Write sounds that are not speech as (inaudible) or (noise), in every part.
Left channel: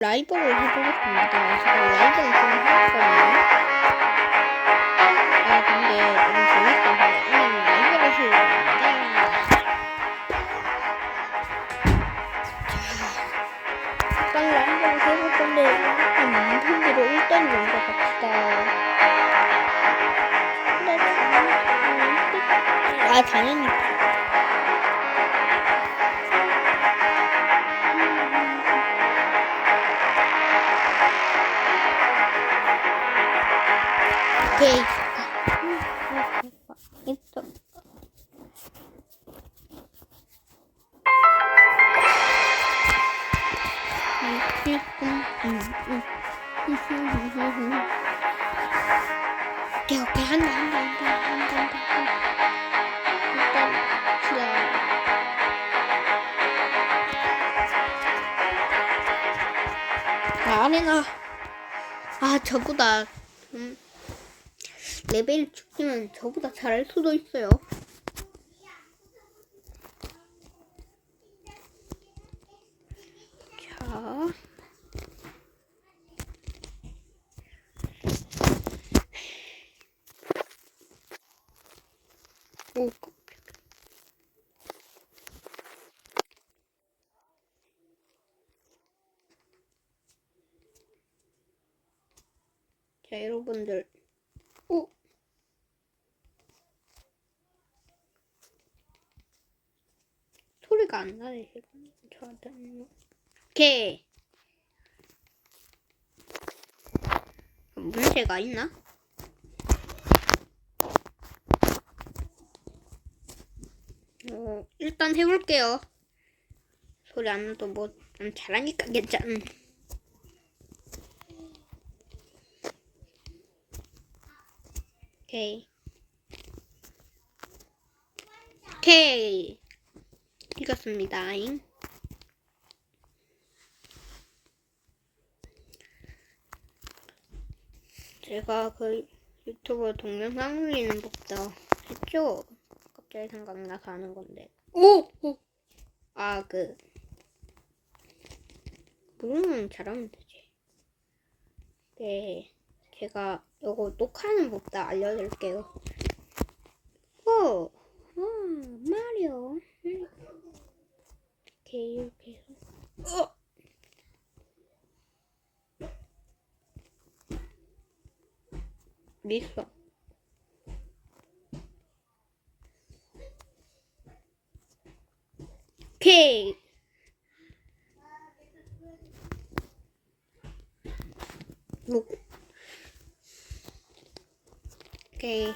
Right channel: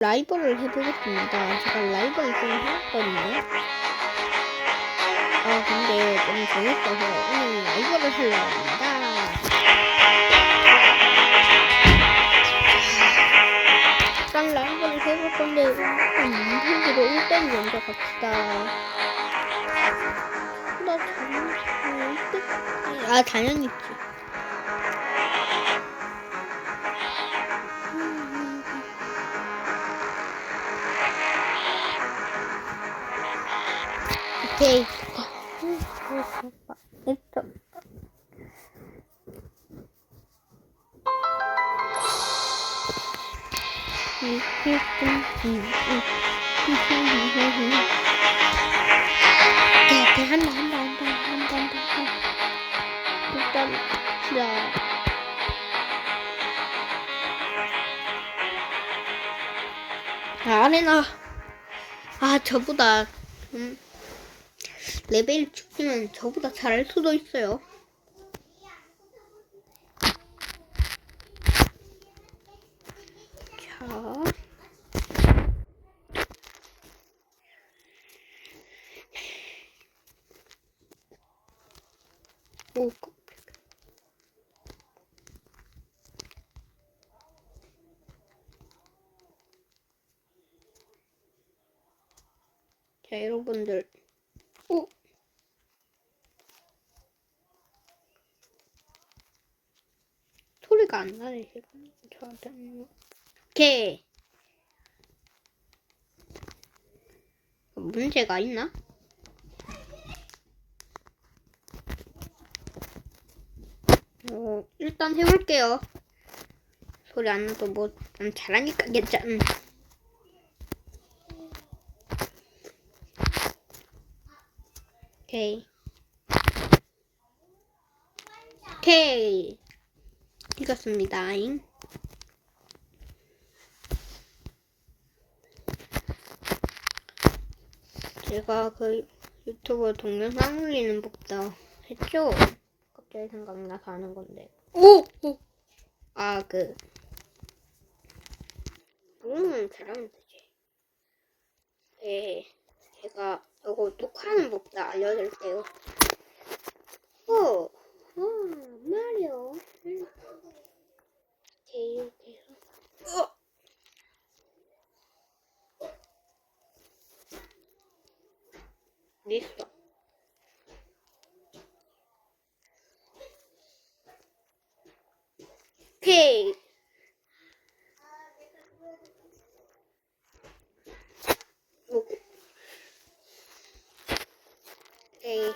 라이벌을 해보겠습니다. 제가 라이벌을 좀 해봤거든요. 아, 근데 너무 재밌어서 오늘 라이벌을 하려고 합니다. 잠깐 라이벌을 해볼 건데, 일단 문필기로 1대1 먼저 갑시다. 나 당연히 1대 아, 당연히 오케이, 음. 오케이, 오케이. 한다, 한다, 한다, 한다, 한다, 한다. 일단, 시작. 아, 아레나. 아, 저보다, 음, 레벨 축지면 저보다 잘할 수도 있어요. 자. 오, 그- 자, 여러분들. 오! 안 나네, 지금. 저한테는. 오케이. 문제가 있나? 어, 일단 해볼게요. 소리 안 나도 뭐, 난 잘하니까 괜찮. 오케이. 오케이. 읽었습니다. 잉. 제가 그 유튜브 동영상 올리는 법도 했죠? 갑자기 생각나서 하는 건데. 오! 오! 아, 그. 모르면 잘하면 되지. 네. 제가 이거 녹화하는 법도 알려드릴게요. 오! 어, 마리오. 음. 이렇게, 이렇게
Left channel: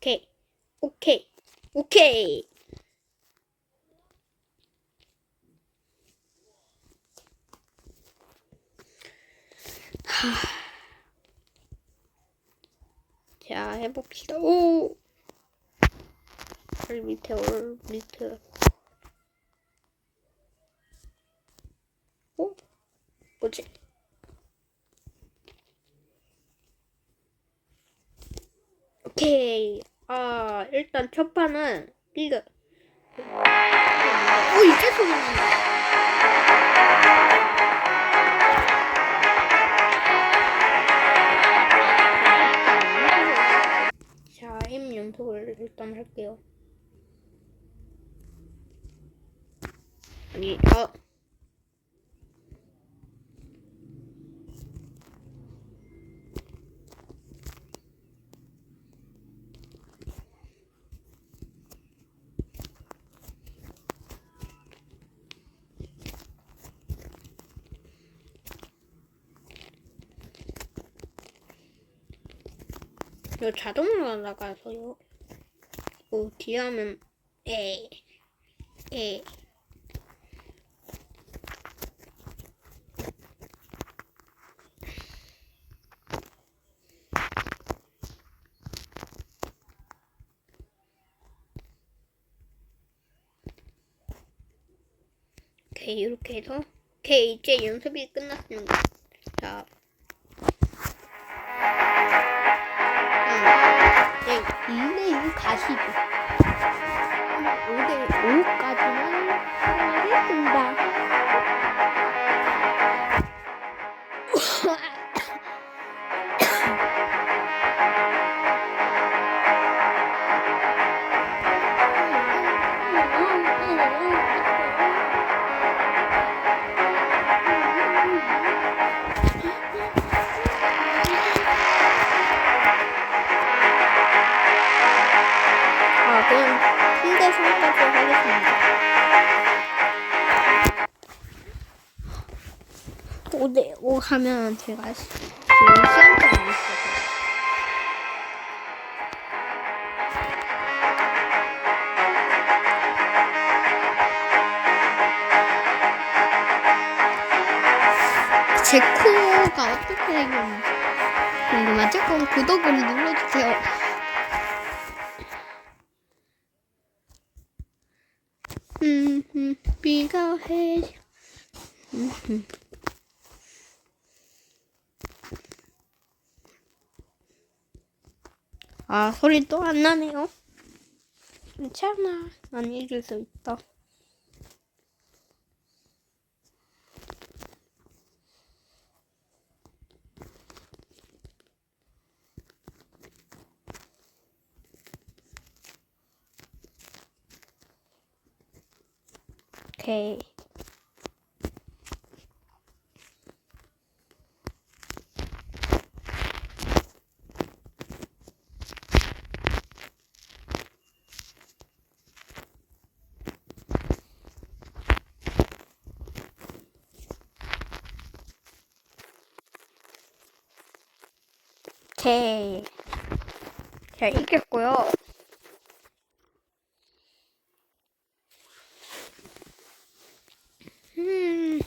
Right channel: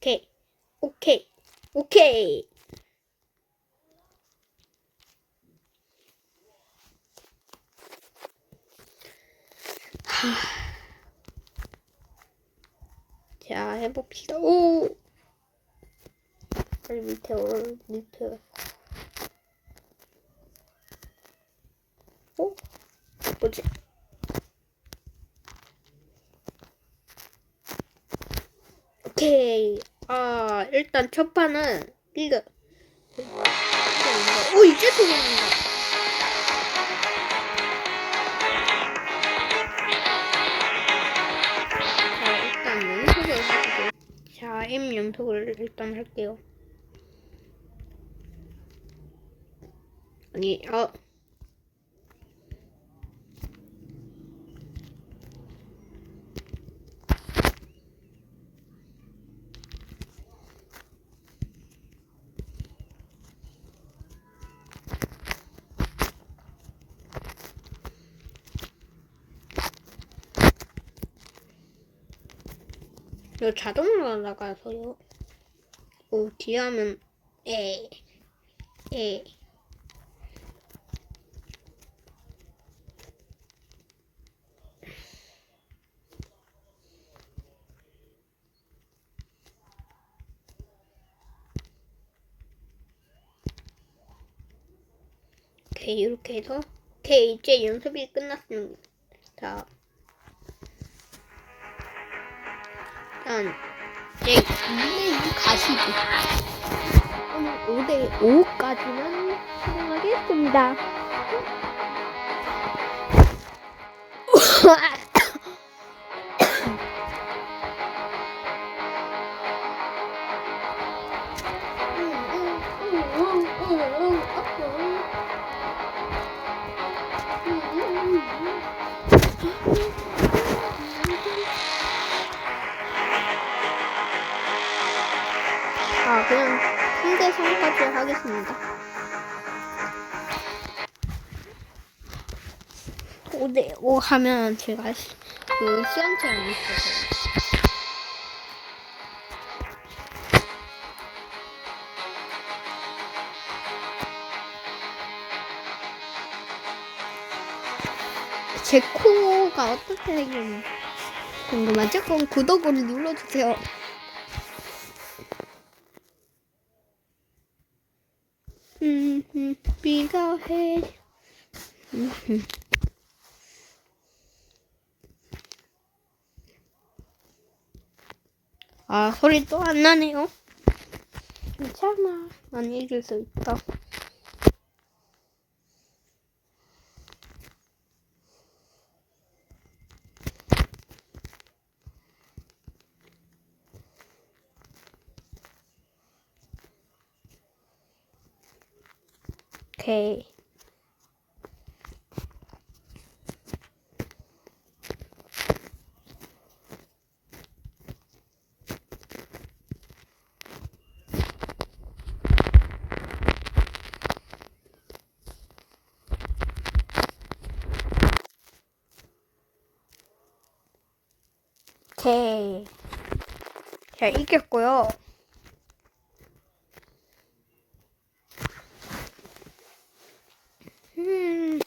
오케이. 뭐. 오케이. 오케이. 자, 해봅시다. 오! 올 밑에, 올 밑에. 어? 뭐지? 오케이. 아, 일단 첫 판은 이거. 오, 이제 소리 난다. 자, 일단 연속을 해주세요. 자, M 연속을 일단 할게요. 아니, 아. 이거 자동으로 나가서요. 오, 뒤에 하면, 에, 에. 오케이 이렇게 해서 오케이 이제 연습이 끝났습니다. 이제 2대2 가시죠. 오늘 5대5까지만 진행하겠습니다. 아, 그냥 3대 3까지 하겠습니다. 5대 5 하면 제가 그 시간제한이 있어서. 제 코가 어떻게 좀 궁금하죠? 그럼 구독을 눌러주세요. 음, 음, 비가 해. 음, 음. 아, 소리 또 안 나네요. 괜찮아. 난 이길 수 있다. 오케이. 오케이. 제가 이겼고요. 음.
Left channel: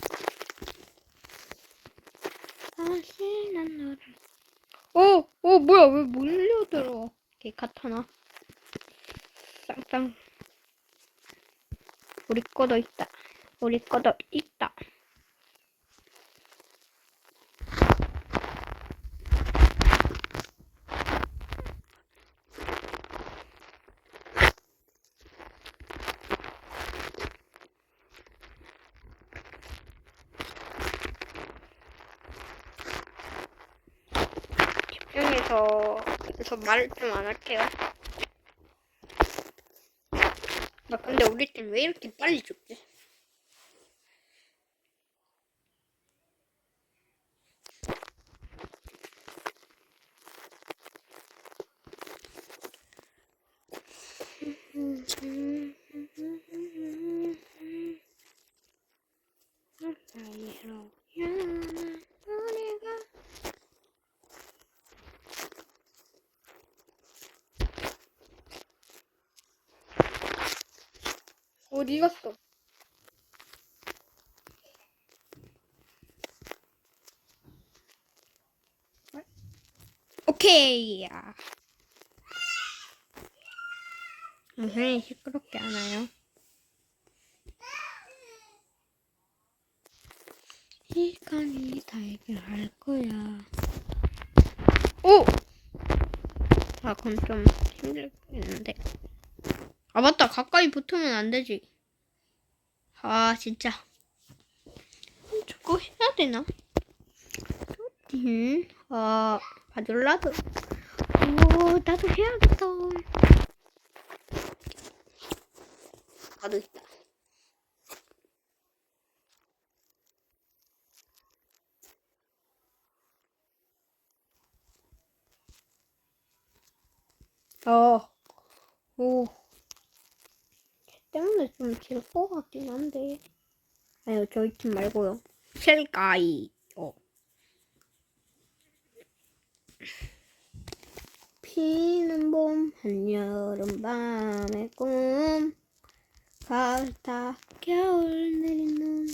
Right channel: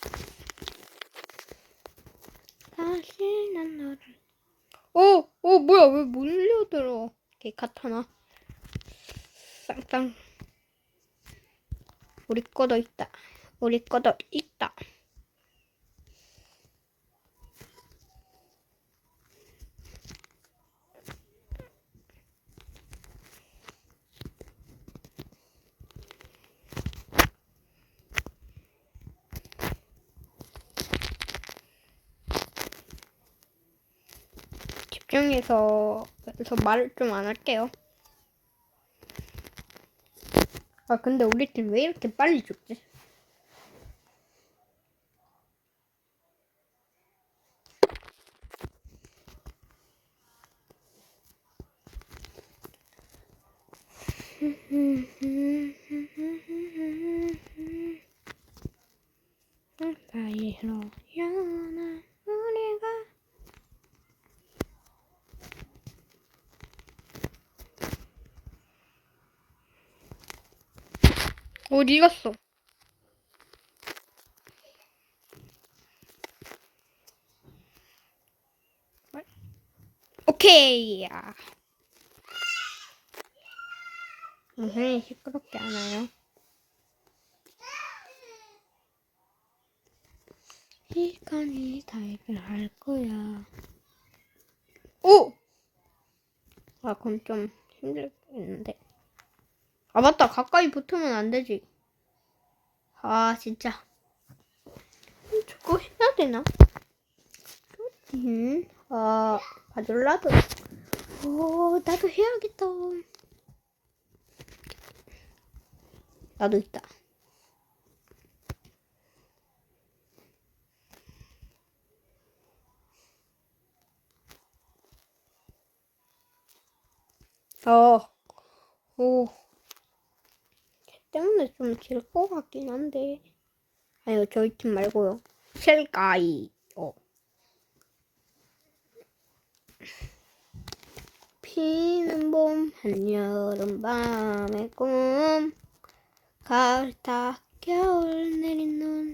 다시 난 너를. 어, 어, 뭐야, 왜 몰려들어? 개 카타나. 쌍쌍. 우리 거도 있다. 우리 거도 있다. 집중해서 그래서 말을 좀 안 할게요. 아 근데 우리 팀 왜 이렇게 빨리 죽지? (laughs) 사이로 연한 우리가 어디 갔어? 오케이. 야. 선생님 시끄럽게 하나요? 시간이 다 해결할 거야. 오! 아, 그럼 좀 힘들겠는데. 아, 맞다. 가까이 붙으면 안 되지. 아, 진짜. 음, 저거 해야 되나? 음, 아, 바둘라도. 오, 나도 해야겠다. 나도 있다. 어, 오. 때문에 좀 질 것 같긴 한데. 아니요, 저희 팀 말고요. 셀가이. 어. 피는 봄, 한여름 밤의 꿈. 가을 타, 겨울 내린 눈.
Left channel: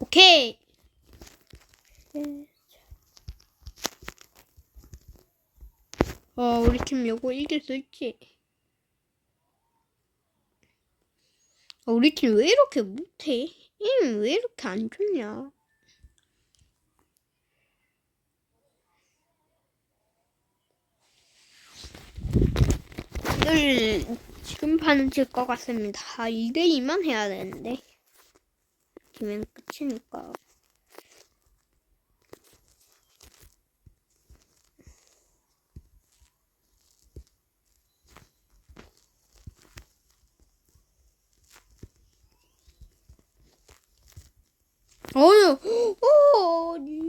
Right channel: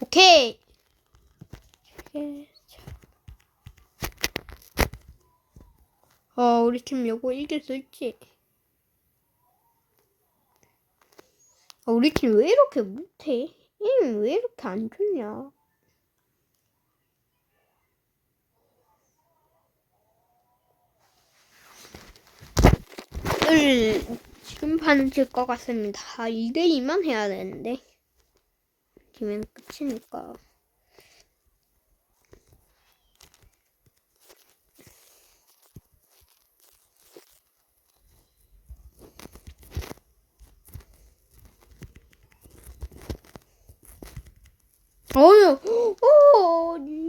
오케이. 어, 우리 팀 요거 이길 수 있지. 어, 우리 팀 왜 이렇게 못해? 게임 왜 이렇게 안 좋냐? 지금 반은 질 것 같습니다. 아, 2대2만 해야 되는데. 지면 끝이니까. 哦哟，哦，你。